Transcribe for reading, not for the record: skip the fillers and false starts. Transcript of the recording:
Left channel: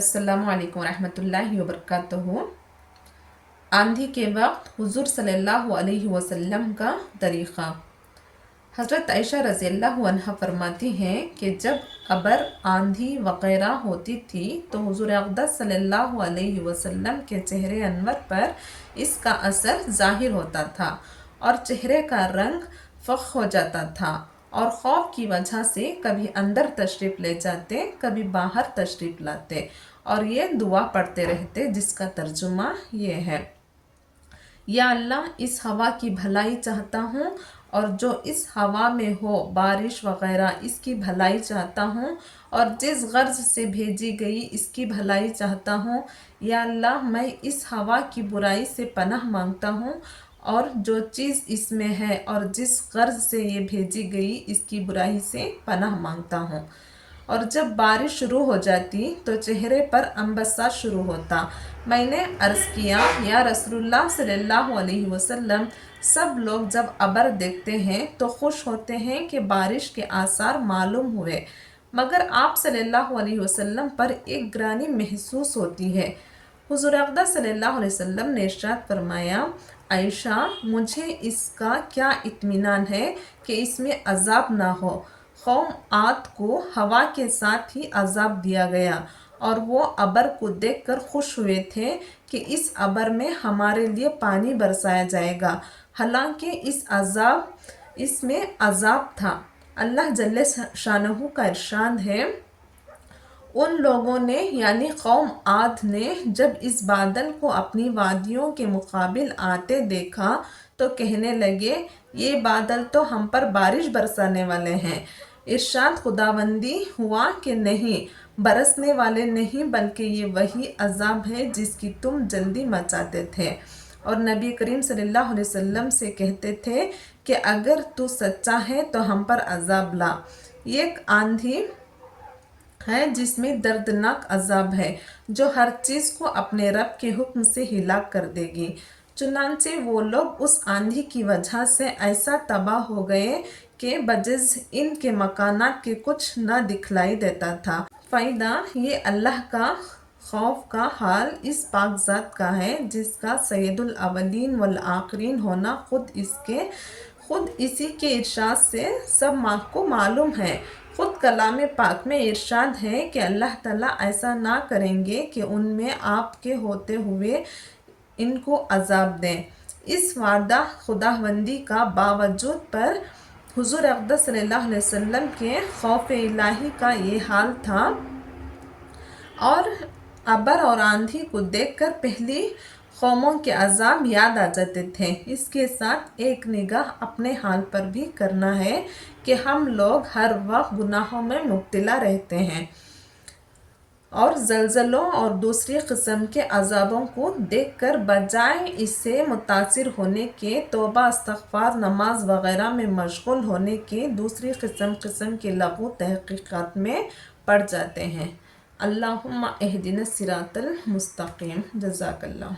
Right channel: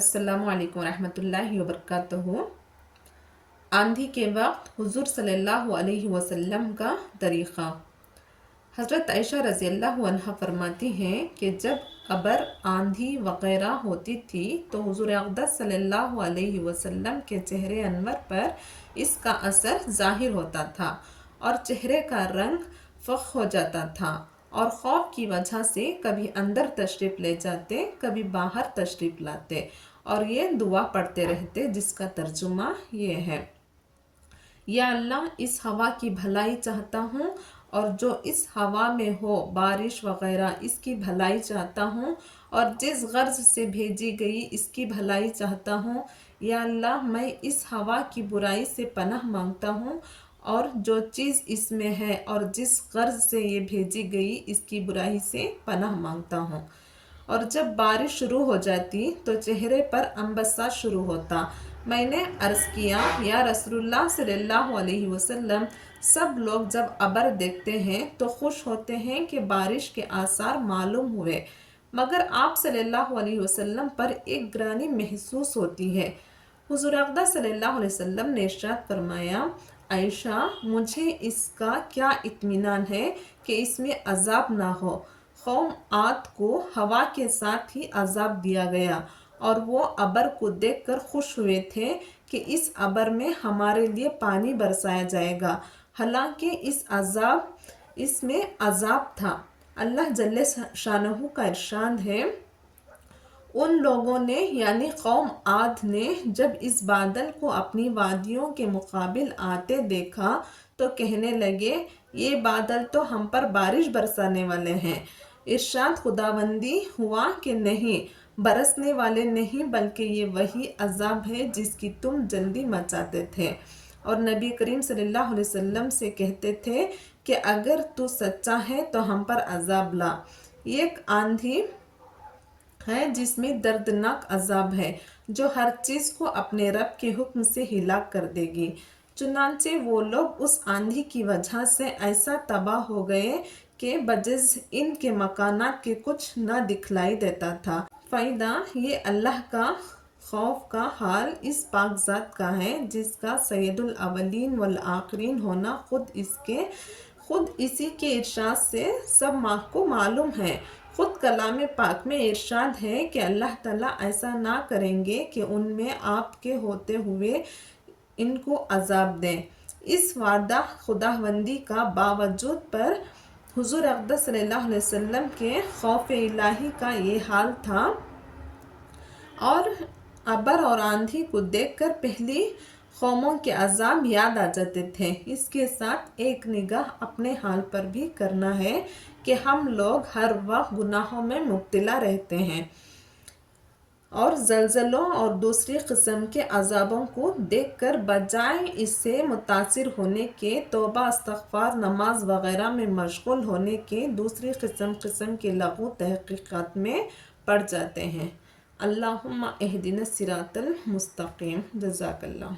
अस्सलामु अलैकुम रहमतुल्लाहि व बरकातहू। आंधी के वक्त हुजूर सल्लल्लाहु अलैहि वसल्लम का तरीक़ा। हज़रत आयशा रज़ी अल्लाह अन्हा फरमाती हैं कि जब अबर आंधी वग़ैरह होती थी तो हुजूर अक़दस सल्लल्लाहु अलैहि वसल्लम के चेहरे अनवर पर इसका असर ज़ाहिर होता था और चेहरे का रंग फ़ख् हो जाता था और खौफ की वजह से कभी अंदर तशरीफ़ ले जाते, कभी बाहर तशरीफ़ लाते और ये दुआ पढ़ते रहते, जिसका तर्जुमा ये है, या अल्लाह इस हवा की भलाई चाहता हूँ और जो इस हवा में हो बारिश वग़ैरह इसकी भलाई चाहता हूँ और जिस गर्ज से भेजी गई इसकी भलाई चाहता हूँ। या अल्लाह मैं इस हवा की बुराई से पनाह मांगता हूँ और जो चीज़ इसमें है और जिस गर्ज से ये भेजी गई इसकी बुराई से पनाह मांगता हूँ। और जब बारिश शुरू हो जाती तो चेहरे पर अंबसा शुरू होता। मैंने अर्ज़ किया, या रसूलुल्लाह सल्लल्लाहु अलैहि वसल्लम, सब लोग जब अबर देखते हैं तो खुश होते हैं कि बारिश के आसार मालूम हुए, मगर आप सल्लल्लाहु अलैहि वसल्लम पर एक ग्रानी महसूस होती है। हुज़ूर अक़दस सल्लल्लाहु अलैहि वसल्लम ने इरशाद फरमाया, आयशा मुझे इसका क्या इत्मीनान है कि इसमें अजाब ना हो। कौम आद को हवा के साथ ही अजाब दिया गया और वो अबर को देखकर खुश हुए थे कि इस अबर में हमारे लिए पानी बरसाया जाएगा, हालांकि इसमें अजाब था। अल्लाह जल्ले शानहू का इरशाद है, उन लोगों ने यानी कौम आद ने जब इस बादल को अपनी वादियों के मुकाबिल आते देखा तो कहने लगे, ये बादल तो हम पर बारिश बरसाने वाले हैं। इरशाद खुदाबंदी हुआ कि नहीं, बरसने वाले नहीं बल्कि ये वही अजाब है जिसकी तुम जल्दी मचाते थे। और नबी करीम सल्लल्लाहु अलैहि वसल्लम से कहते थे कि अगर तू सच्चा है तो हम पर अजाब ला। ये एक आंधी है जिसमें दर्दनाक अजाब है जो हर चीज़ को अपने रब के हुक्म से हिलाक कर देगी। चुनांचे वो लोग उस आंधी की वजह से ऐसा तबाह हो गए कि बजिज़ इनके मकानात के कुछ न दिखलाई देता था। फ़ायदा ये अल्लाह का खौफ का हाल इस पाकज़ात का है जिसका सैयदुल अवलीन वल आखिरीन होना खुद इसी के इरशाद से सब माँ को मालूम है। खुद कलाम पाक में इरशाद है कि अल्लाह ताला ऐसा ना करेंगे कि उनमें आपके होते हुए इनको अजाब दें। इस वादा खुदाबंदी का बावजूद पर हुजूर अक़दस सल्लल्लाहु अलैहि वसल्लम के खौफ इलाही का ये हाल था और अबर और आंधी को देखकर पहली कौमों के अजाब याद आ जाते थे। इसके साथ एक निगाह अपने हाल पर भी करना है कि हम लोग हर वक्त गुनाहों में मुब्तला रहते हैं और ज़लज़लों और दूसरी किस्म के अजाबों को देखकर बजाय इससे मुतासिर होने के तौबा इस्तग़फ़ार नमाज वग़ैरह में मशगूल होने के दूसरी किस्म के लग़ू तहक़ीक़ात में पड़ जाते हैं। अल्लाहुम्मा इहदिना सिरातल मुस्तक़ीम। जज़ाकल्लाह।